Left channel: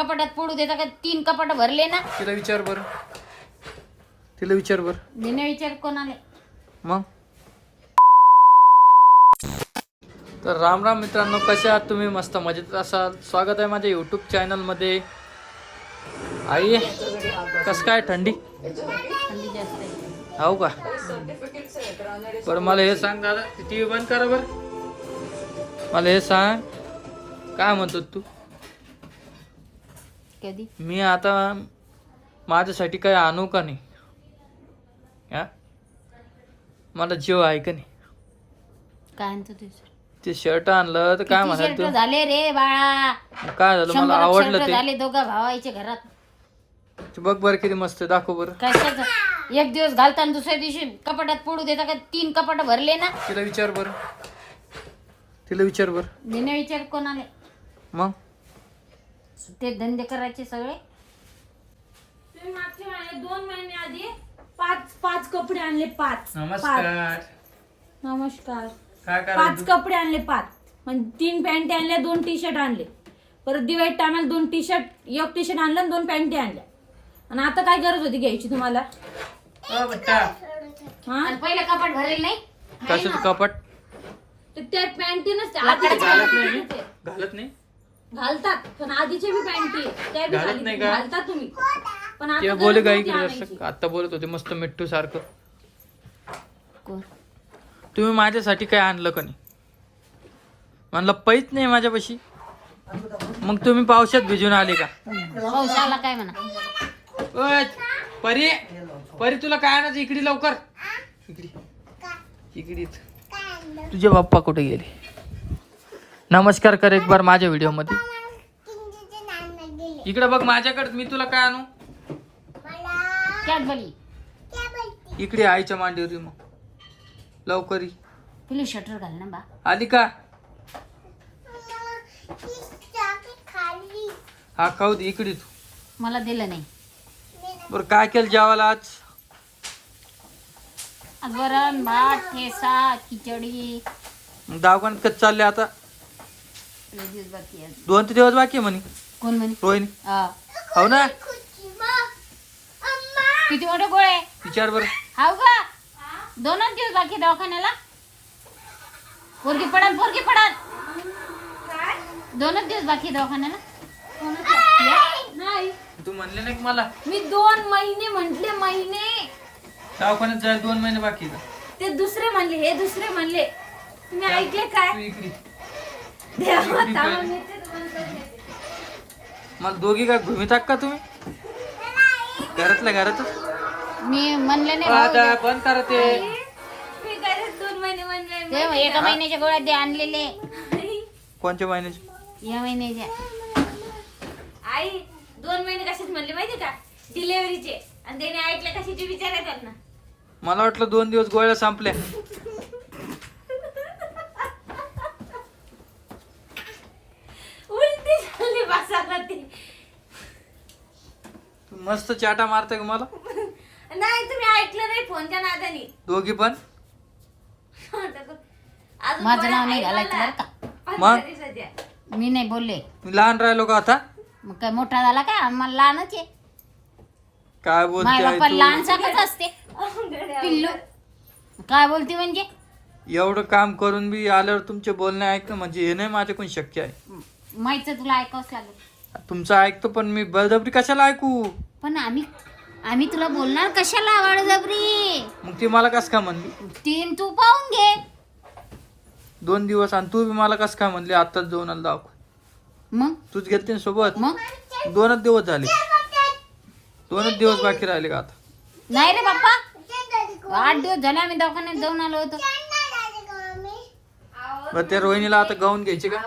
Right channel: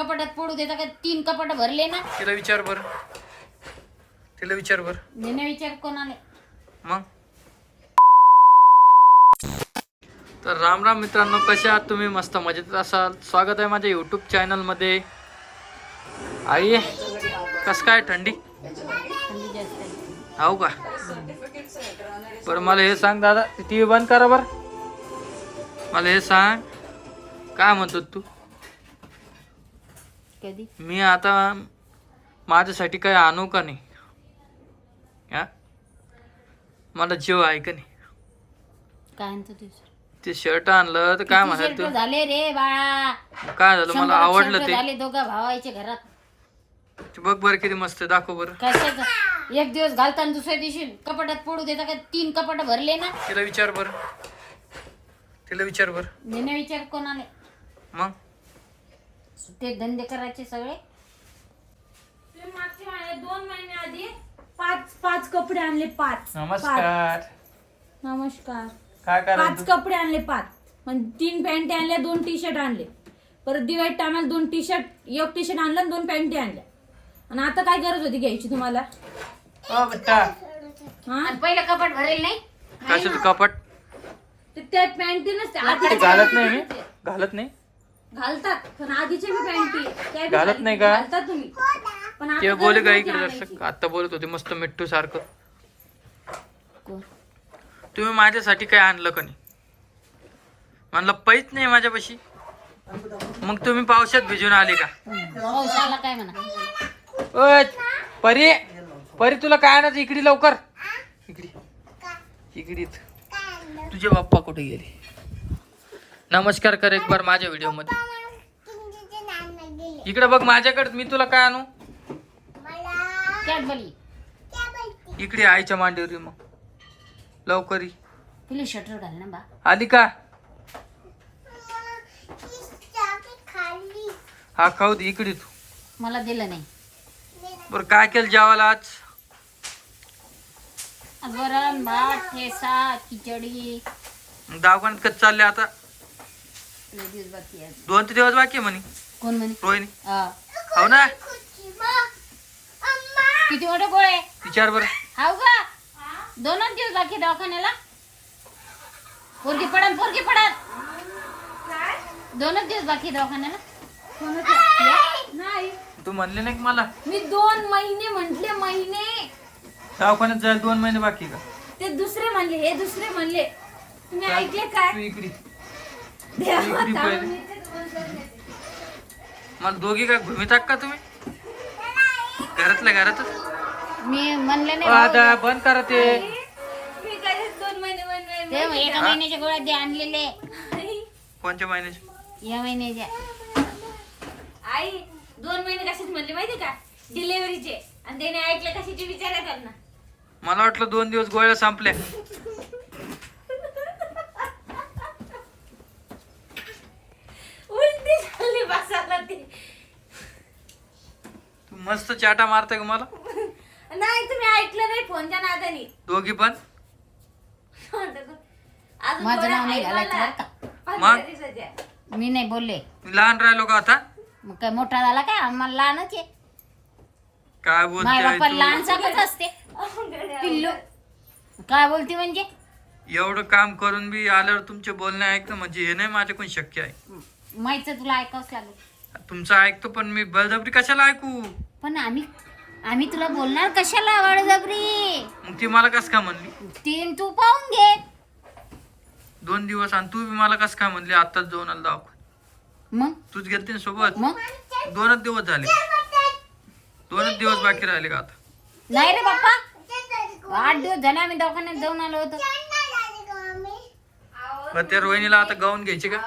कपाटात पडू देता का तीन कपाट भरले ना. तिला विचार बर. तिला विचार बर. मी विचार कोणाला? मग? तर राम राम मित्रांनो कसे आहात तुम्ही? मस्त मजेत असाल. स्वागत आहे माझ्या यूट्यूब चॅनलमध्ये आई कस काय थंडी? थंडी जास्त आहे. हो का? बरं मला हे सांग दादा टी व्ही बंद करा बर. मला हे सांग. काय म्हणतो तू? कधी? मी आता माझ्यासाठी काही आणू का नाही? हा मला जीव आहे का नाही? काय आणतो तू? ते शर्ट आणलं तर काय किती म्हणाल शर्ट तू? झाले रे बाळा? काय झालं? मला शंभर आवडलं ते. झाले दोघा भावायचे घरात. ते बघ बरं किती मस्त आहे, दाखव बरं. कशाच? एक दिवस घालताना दुसऱ्या दिवशी कपाटात पडू देता का? तीन कपाट भरले ना? तिला विचार बरं. तिला विचार बरं. मी विचार कोणाला. मग? ते धंदे करायचे सगळे? तुम्ही मागच्या महिन्यात दोन महिने आधी पाच पाच कपडे आणले पाच. नमस्कार. नमस्कार. काय पाच कपडे आणले पाच. म्हणजे तीन पॅन्टी आणल्या दोन टी शर्ट आणले. परत दिवाळी टायमाला दोन टी शर्ट एक टी शर्ट आणलं आणि दोन पॅन्टी आणल्या. आणि आता काय गरज होती घ्यायची तुम्हाला? हो, हा? आणि पहिलं कपाट भरेल नाही? कशाचं कपाट? ते त्या पॅन्टीनच ते घालत नाही मी. घालत नाही? घालतात पण आधीचे बी पॅन्टी घालत घाल- नाही का? घालतात तुम्ही. पण ते बोले इकडे. दर्शक आता बोलत होते मस्त मिठ्ठू सारखं? तुम्ही माझ्यासाठी काय आणलं का नाही? म्हणलं पैच नाही माझ्यापाशी. मग तुम्ही पावसात भिजून आले का? काय म्हणा? परी परी तुला काय आणायचं? इकडे लवकर. इकडे. इकडीच. तुझे बाप्पा कुठे गेले? नमस्कार कर एक बार माझ्या व्हिडिओमध्ये इकडे बघ माझ्याकडे मी तुला काय आणू? इकडे आईच्या मांडीवर ये मग. लवकर ये. तुला शटर घाल ना बा. आली का? हा खाऊ दे इकडे तू. मला दिलं नाही. बरं काय केलं जेवायला आज? आज वरण भात ठेसा खिचडी. दवाखान्यात कसं चालले आता? लय दिवस बाकी आहे. दोन ते दिवस बाकी आहे म्हणे. कोण म्हणे? रोहिणी हा. हो ना? किती मोठे गोळे विचार बरं. हाव का? दोनच दिवस बाकी आहे दवाखान्याला. पोरगी पडत पोरगी पडत दोनच दिवस बाकी आहे दवाखान्याला. या. नाही. तू म्हणले नाही का मला? मी दोन महिने म्हंटले महिने. दवाखान्यात जायला दोन महिने बाकी आहे का? ते दुसरे म्हणले हे दुसरे म्हणले. तुम्ही ऐकले काय? तू इकडे मला दोघी काय घुमितात का तुम्ही? घरातल्या घरातच? मी म्हणले नाही आता. बंद करा ते. मी काय दोन महिने म्हणले ते एका महिन्याच्या गोळ्या दे आणलेले. कोणत्या महिन्याचे? या महिन्याच्या. आई दोन महिने कशाच म्हणले माहिती का? डिलेव्हरीचे आणि त्याने ऐकले कशाचे विचार येतात ना मला वाटलं दोन दिवस गोळ्या संपल्या उलटी झाली बसायला ती. तू मस्त चाटा मारताय का मला? नाही तुम्ही ऐकलं नाही फोनच्या नादानी. दोघी पण? अजून माझं नाव नाही घालायचं. बरं का? मग? मी नाही बोलले. मी लहान राहिलो का आता? मग काय मोठा झाला काय? आम्हाला लहानच आहे. काय माय बोलते बाप्पा आई लहान तू? सारखंच असते. पिल्लू काय बोलते म्हणजे? एवढं काम करून बी आल्यावर तुमचे बोलणे ऐकणं म्हणजे हे नाही माझ्याकडून शक्य आहे. माहिती तुला ऐकावंच लागेल. तुमचं ऐकतो पण मी बळजबरी कशाला ऐकू? पण आम्ही आम्ही तुला बोलणार कशाला बळजबरी? मग ती मला कस काय म्हणली? तीन तू पाहून घे. दोन दिवस आणि तू बी मला कस काय म्हणली? आत्ताच जाऊन आला दवाखान्यात. मग? तूच गेलते ना सोबत? मग? दोनच दिवस झाले. दोनच दिवस बाकी राहिले का आता? नाही रे बाप्पा. आठ दिवस झाले आम्ही दवाखान्यात जाऊन आलो होतो. बरं त्या रोहिणीला आता गाऊन घ्यायचे का?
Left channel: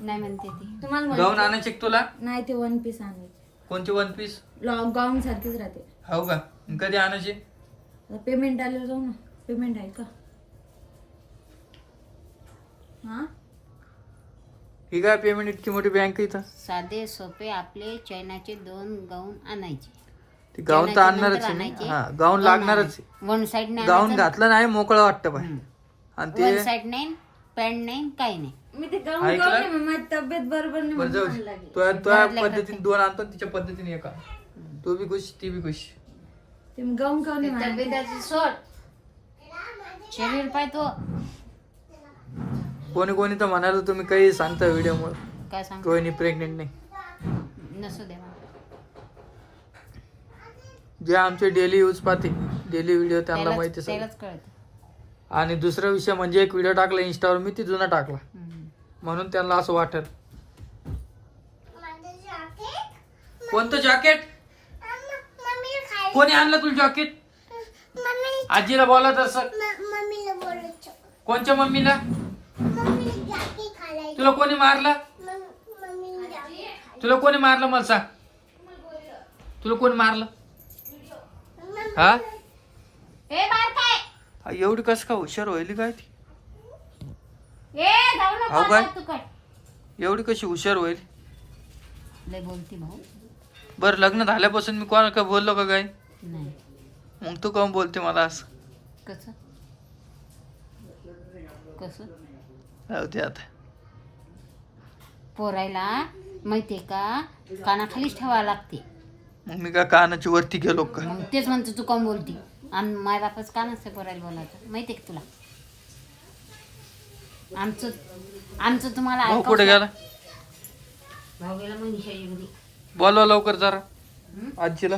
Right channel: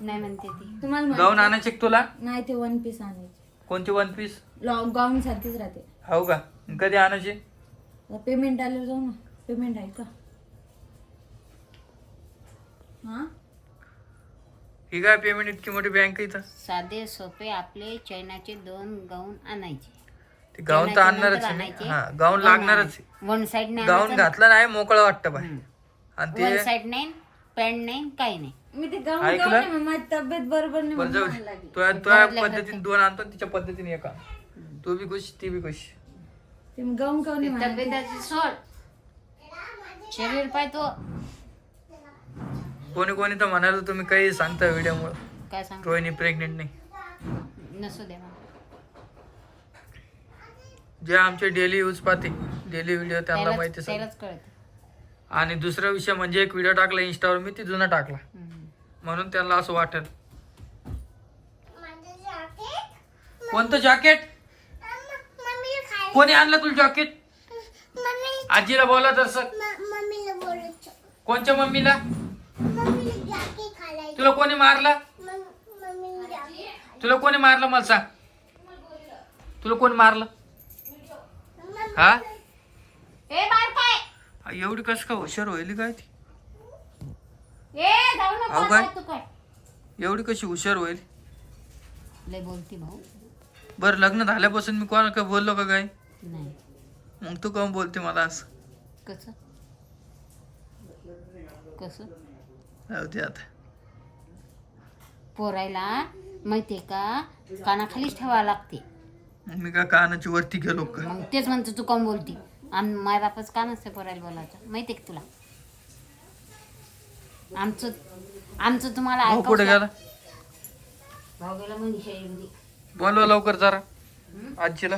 नाही म्हणते ती. तुम्हाला माहित- गाऊन आणायचे का तुला? नाही ते वन पीस आणायचे. कोणती वन पीस लॉंग गाऊन सारखीच राहते. हो का? कधी आणायचे? पेमेंट आल्यावर जाऊ ना. पेमेंट आहे का? हा? ही काय पेमेंट इतकी मोठी बँक इथं? साधे सोपे आपले चैनाचे दोन गाऊन आणायचे. ती गाऊन तर चैनाचे आणणारच आहे. आणायचे. हा गाऊन लागणारच आहे. वन साइड नाही गाऊन आणायचं घातलं नाही मोकळं वाटतं बाहेर आणि वन ते साइड नाही? पॅन्ट नाही काही नाही. मी ते गाऊन ऐकलंय? गाऊन आहे, मग माझी तब्येत बरोबर नाही बरं जाऊ म्हणून दे. मला लागली. तुझ्या तुझ्या घरातल्या घरात पद्धतीने दोन आणतो तिच्या पद्धतीने एका तू बी खुश ती बी खुश. ते मग गाऊन गाऊन आहे मला. तब्येताची सोड. शरीर पाय तो. कोणी कोणी तर म्हणाल तुम्ही काही सांगता व्हिडिओ मुळे काय सांग रोहिणी प्रेग्नेंट नाही. नसू दे मला. जे आमचे डेली यूज पाहते डेली व्हिडिओ त्यांना त्यालाच माहिती सगळं. त्यालाच कळत. आणि दुसरा विषय म्हणजे एक व्हिडिओ टाकला इंस्टावर मी ती जुना टाकला. म्हणून त्यांना असं वाटेल. कोणतं जॅकेट कोणी आणलं तुला जॅकेट आजीला बोला तर सर. कोणच्या मम्मीला? तुला कोणी मारलं? तुला कोणी मारलं मला सांग. तुला कोणी मारलं? हा? हा, एवढी कस का हुशार होईल काय ती? ए जाऊ नको अहो, काय? आता तू काय? एवढी कशी हुशार होईल लय बोलती भाऊ. बरं लग्न झाल्यापासून मी कोणा का बोललो का काय? नाही. मग तू काऊन बोलते मला असं? कसं? कसं? दे आता. पोरायला माहितीये का? कानाखालीच ठेवावं लागते. मग मी का कानाची वरती गेलो का? मग तेच म्हणतो तू कोण बोलती? आम माय बापच का नसते पोरायला बोलायचं. माहितीये का तुला? आमचं आमचं तुम्हाला भाऊ कुठे गेला? भाऊ गेला बोलवा लवकर जरा. आजीला.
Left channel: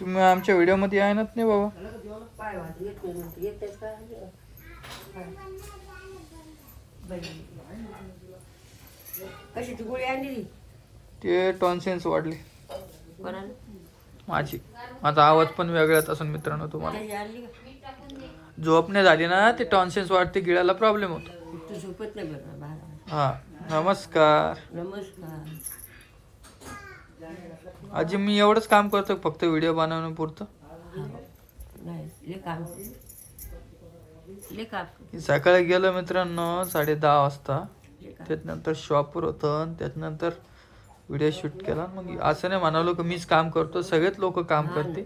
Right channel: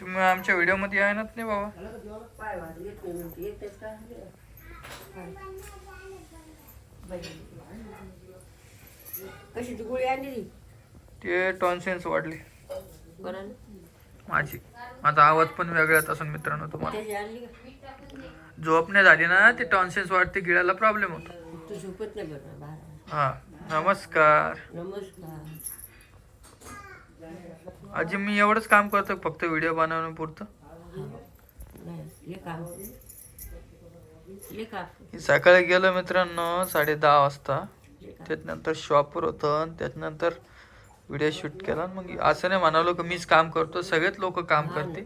तुम्ही आमच्या व्हिडिओमध्ये आहे ना नाही बाबा कशाची गोळी आणली ते टॉन्सेन्स वाढले. कोणाला? माझी. माझा आवाज पण वेगळाच असून मित्रांनो तुम्हाला. झोप नाही झाली ना ते टॉन्सेन्स वाढते गिळायला प्रॉब्लेम होतो. झोपत नाही बरं हा नमस्कार. नमस्कार. आजी मी एवढंच काम करतो फक्त व्हिडिओ बनवण्यापुरतं सकाळी गेलो मित्रांनो साडे दहा वाजता. त्याच्यानंतर शॉपवर होतं त्याच्यानंतर व्हिडिओ शूट केला. मग असं नाही म्हणालो की मीच काम करतो सगळेच लोक काम करते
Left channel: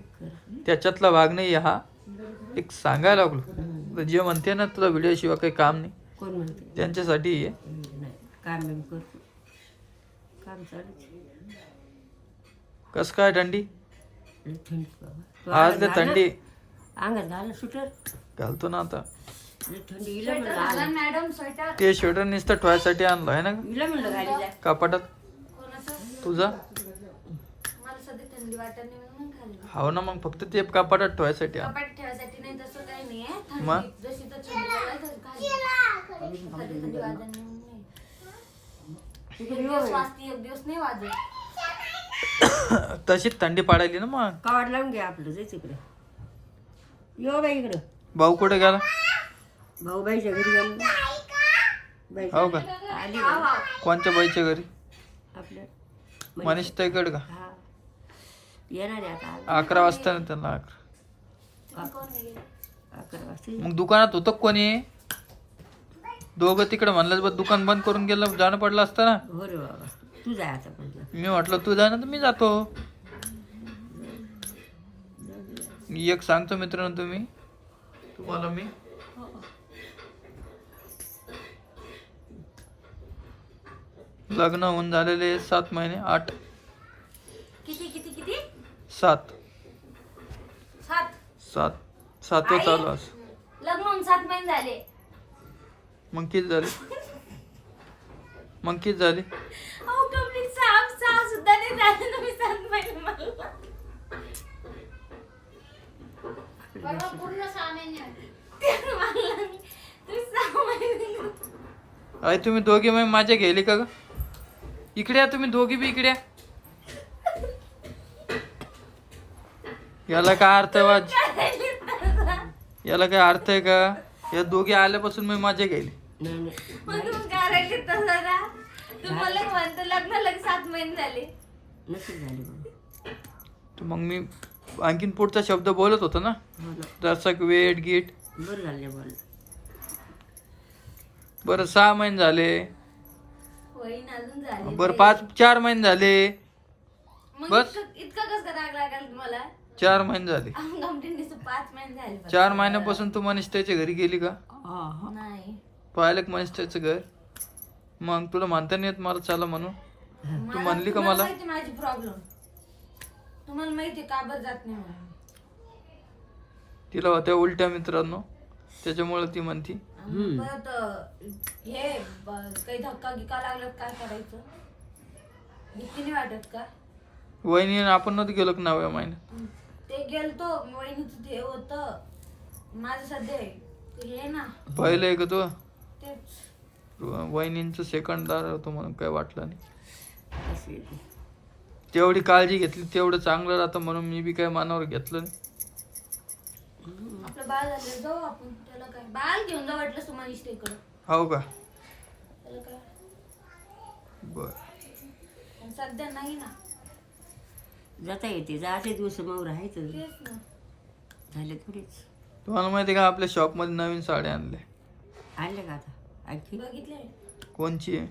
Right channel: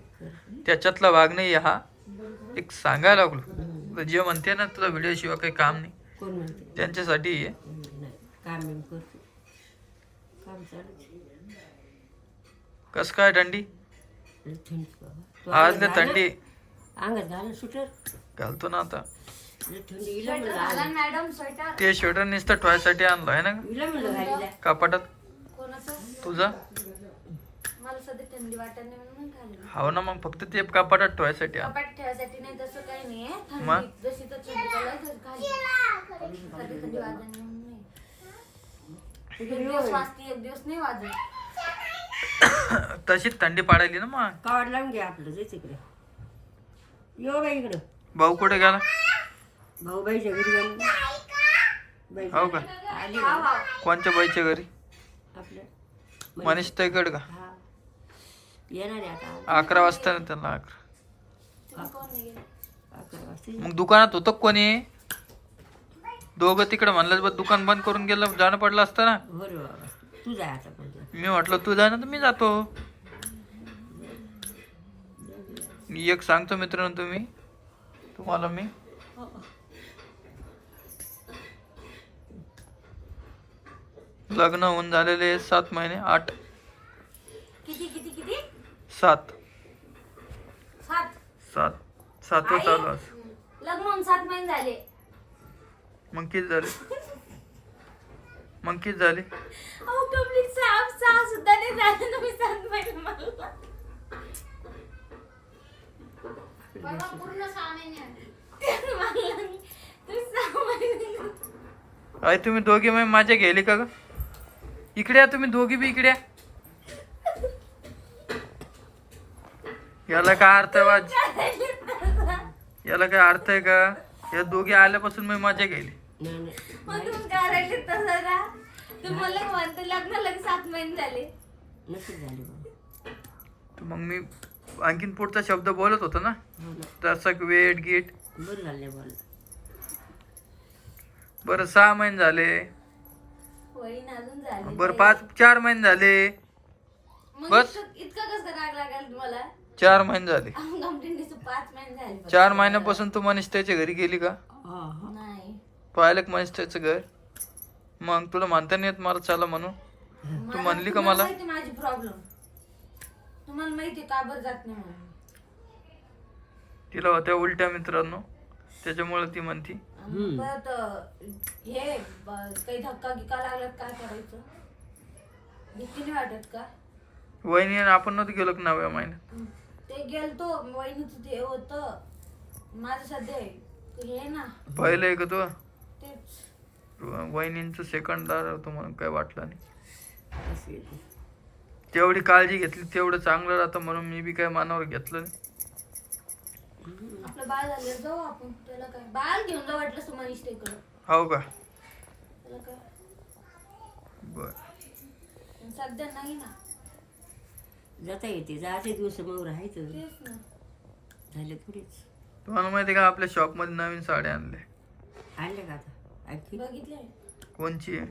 त्याच्यातला भाग नाही हा एक सांगायला लागलो. जे म्हणते ना तुला व्हिडिओ शिवाय काही काम नाही. कोण म्हणते? त्यांच्यासाठी आहे. कसं काय थंडी? आज थंडी. घालतो ना आता. ते स्वेटर नुसतं ठेवायसाठी आणलं आहे ना? कपाटात. तुझा? मला सध्या थंडी वाटत नाही म्हणून घाल हो ना मग फक्त ते कपाटात ठेवायसाठी आण कपाट ठेवायसाठी नाही तसं काही नाही मग? जशी तर थंडी पडली तर घाल कधी थंडी वाजत नाही. म्हणून नाही. एक दिवस वाजती एक दिवस नाही वाजत. तशीच थंडी पाडायली ना मग? कावड लावून घ्या आपलं जायचं इकडे यो बाई इकडं. भाऊ कुठे गेला? भाऊ बाईच्या घरी गेलो. बाई हो का? आली? कोणत्या बाईच्या घरी? आपलं. मनीष ताईकड का? हा. येणार आहे आता अकरा वाजता ना त्यांना अकरा. अकरा वाजता मग दुकानात होतं कोणी? दोघं तिकडे म्हणलं बघ दुकान बंद करून गेलं जाणं पडलं असतं ना. हो रे बाबा. तू जाय आता पण. मी म्हटलं तू जा ना तर मी जातो. मी एक सांगतो मित्रांनो तुम्ही. तुम्हाला मी लग्न होऊन झालेले सात महिने आठ. किती किती किती? सात. सात. सात. सातवं चालू असं लग्न होऊन सात महिने झाले. मग किती झाले? मग किती झाले? अहो कंप्लीट सहा सहा सुद्धा नाही झाले ना मी सात महिने मला. पूर्ण सहा महिने ते मला तुम्ही सहा महिने अरे तुम्ही दोघे मग माझ्या गेले का ग? इकडे या तुम्ही दोघी बी इकडे या. याला काय अर्थ आहे वाज याला काय अर्थ आहे का? या दोघे आल्यापासून मी नाही नाही मग तुम्ही करायचे तसं ना तुम्हाला म्हणतो लग्न लगे सात महिने झाले. नक्की झाले बाबा तर मग मी आणखीन पुढचा शब्द बोलत होतो ना? हो दर्शक वेट गीट. बरं झाले बोल. बरं सहा महिने झाले. वहीन अजून झाले बरं पाच चार महिने झाले. मग बस. इतकं इतकं कसं राग लागाल तुम्हाला? चार महिने झाले. गमटीने पाच महिने झाले फक्त. चार महिन्यापासून तू मनिष्ठाच्या घरी गेली का? नाही. पाहिलं का मनिष्ठाचं घर? मग तुला म्हणता नाही येत मला चला म्हणून? तू म्हणली का मला? माहिती माझी प्रॉब्लेम तुम्हाला माहिती का बरं जात नाही म्हणून? तिला होत्या उलट्या मित्रांनो. त्याच्यामुळे ती म्हणती परत अं, हे ब- काही धक्का गिक्का लागला तर काय करायचं? भीती नाही वाटत का? वहिनी आणि आपण नव्हतं गेलो का नव्या महिन्यात? ते गेलतो वहिनीचं ते होतं. माझं सध्या हे ना. पाहिलं आहे का तू? तेच. वहिनींचं सेकंड दार होतं म्हणून काय वाटलं नाही. तेवढी काळजी घेतली तेवढं चांगलं राहतं म्हणून मी बी काय मानावर घेतलं नाही. आपलं बाळ झालं जाऊ आपण. त्याला काय? बाळ घेऊन जाऊ वाटलं सुमान इकडं हो का? त्याला काय? बर. पण सध्या नाही ना. जाता येते. जाते दिवस मग राहायचं. तेच ना. झाले थोडीच. तुम्हाला माहिती आहे का? आपल्या शॉपमध्ये नवीन साड्या आणल्या. आणले का आता? आणखी? बघितले? कोणची? आहे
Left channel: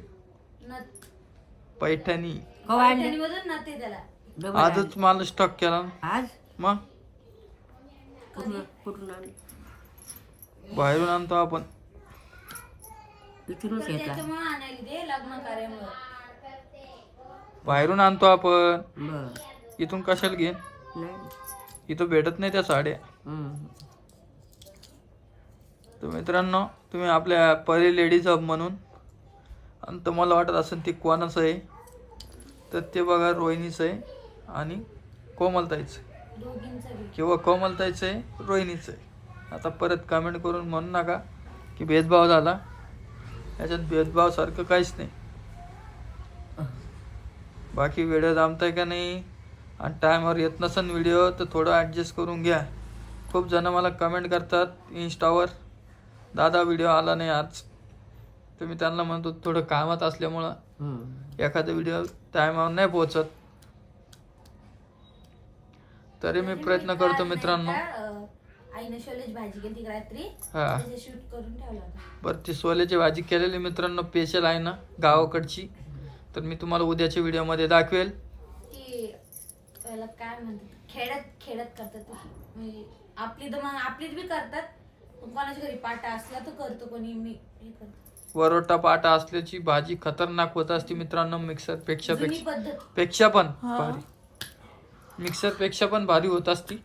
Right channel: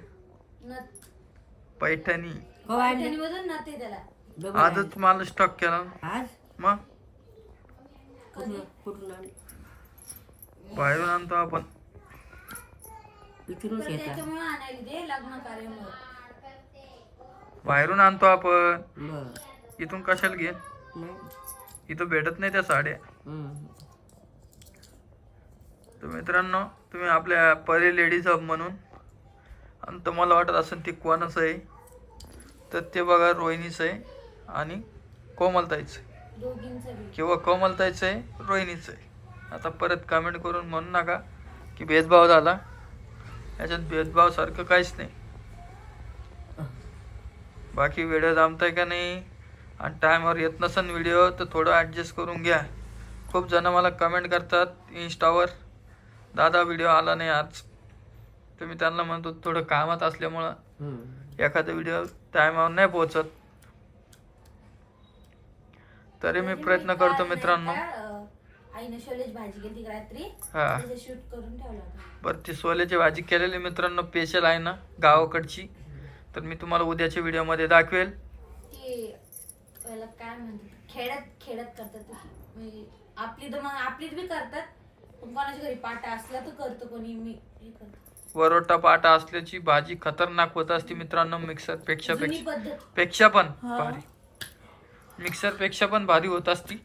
पैठणी. हो आणले ना ते त्याला. डबल आजच मला स्टॉक केला ना. आज? मग? कुठून बाहेरून आणतो आपण. इथूनच तर येतात. त्याच्यामुळे आणायला दे लग्न कार्यामुळे. बाहेरून आणतो आपण. बर. इथून कशाला घेईन? नाही. इथं भेटत नाही त्या साड्या. हम्म. तर मित्रांनो तुम्ही आपल्या परी लेडीज हब म्हणून आणि तुम्हाला वाटत असेल ती कोणाचं आहे तर ते बघा रोहिणीचं आहे आणि कोमलताईचं आहे. किंवा कोमलताईचं आहे रोहिणीचं आहे. आता परत कमेंट करून म्हणू नका की भेदभाव झाला. याच्यात भेदभावसारखं काहीच नाही. बाकी व्हिडिओ जमताय का नाही आणि टायमावर येत नसेल व्हिडिओ तर थोडं ॲडजस्ट करून घ्या. खूप जण मला कमेंट करतात इन्स्टावर दादा व्हिडिओ आला नाही आज. तर मी त्यांना म्हणतो थोडं कामात असल्यामुळं. एखादा व्हिडिओ टायमावर नाही पोहोचत. तरी मी प्रयत्न करतो मित्रांनो. अं, आईनं शोलेची भाजी केली रात्री. हा. त्याचे शूट करून ठेवला होता. बरं ती सोल्याची भाजी केलेली मित्रांनो स्पेशल आहे ना गावाकडची. तर मी तुम्हाला उद्याच्या व्हिडिओमध्ये दाखवेल. ती त्याला काय म्हणतात खेड्यात खेड्यात करतात ती. म्हणजे आपली तर मग आपलीच बी करतात. पण कोणाच्या घरी पाटा असला तर करतो कोणी मी हे करतो. वरोटा पाटा असल्याची भाजी खतरनाक होत असते मित्रांनो मिक्सरपेक्षा जुनी पेक्षा. पद्धत. पेक्षा पण भारी. मिक्सरपेक्षा पण भारी होत असती.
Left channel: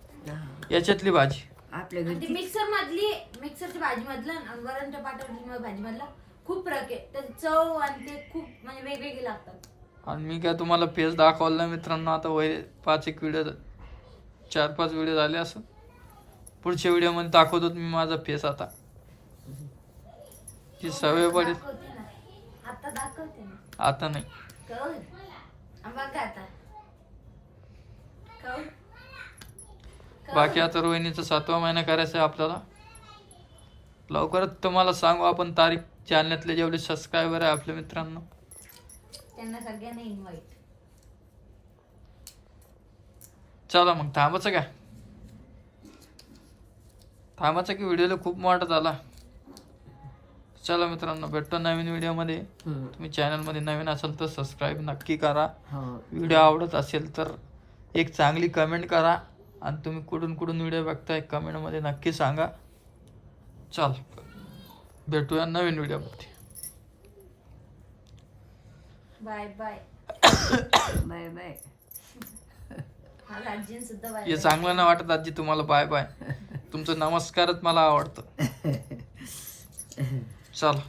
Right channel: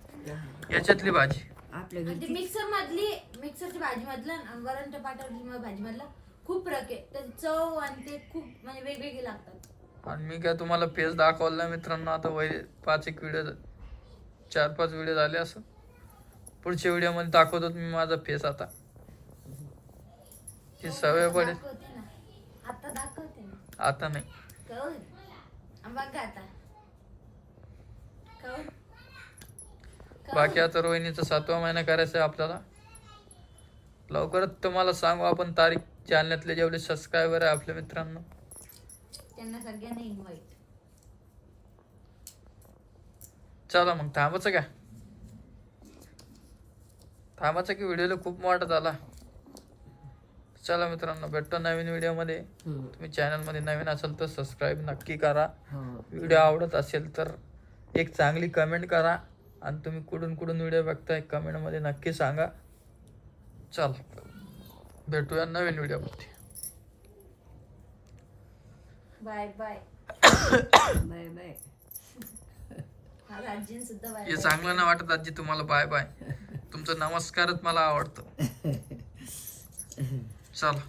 याच्यातली भाजी. आपल्या ती घरची. मिक्सर मधली मिक्सरची भाजी मधलं वरण टपाटा भाजी मधला खूप फरक आहे. त्याची चव आणि ते खूप म्हणजे वेगवेगळे लागतात. आणि मी काय तुम्हाला फेस दाखवला नाही मित्रांनो आता वय पाच एक व्हिडिओ चार पाच व्हिडिओ झाले असं. पुढच्या व्हिडिओमध्ये दाखवतो मी माझा फेस आता. ही सवय पडेल. आता दाखवते आता नाही. बघा आता? बाकी आता रोहिणीचा सातवा महिना करायचा आहे आपल्याला. लवकरच तुम्हाला सांगू आपण तारीख जालन्यातले जेवढे सबस्क्रायबर आहे आपल्या मित्रांनो. त्यांना सगळ्यांना इन्व्हाइट चला मग थांबायचं का? थांबायचं की व्हिडिओला खूप मोठा झाला. चला मित्रांनो भेटतो नवीन व्हिडिओमध्ये हम्म. तुम्ही चॅनलमध्ये नवीन असाल तर सबस्क्राईब नक्की करा. हो. व्हिडिओ आवडत असेल तर एक चांगली कमेंट करा आणि तुम्ही कुठून कुठून व्हिडिओ बघताय कमेंटमध्ये नक्की सांगा. चल भेटूया नवीन व्हिडिओमध्ये बाय बाय बाय बाय हे चांगलं नाही वाटत आजी तुम्हाला बाय बाय तुमचं नमस्कारच मला आवडतं. चला.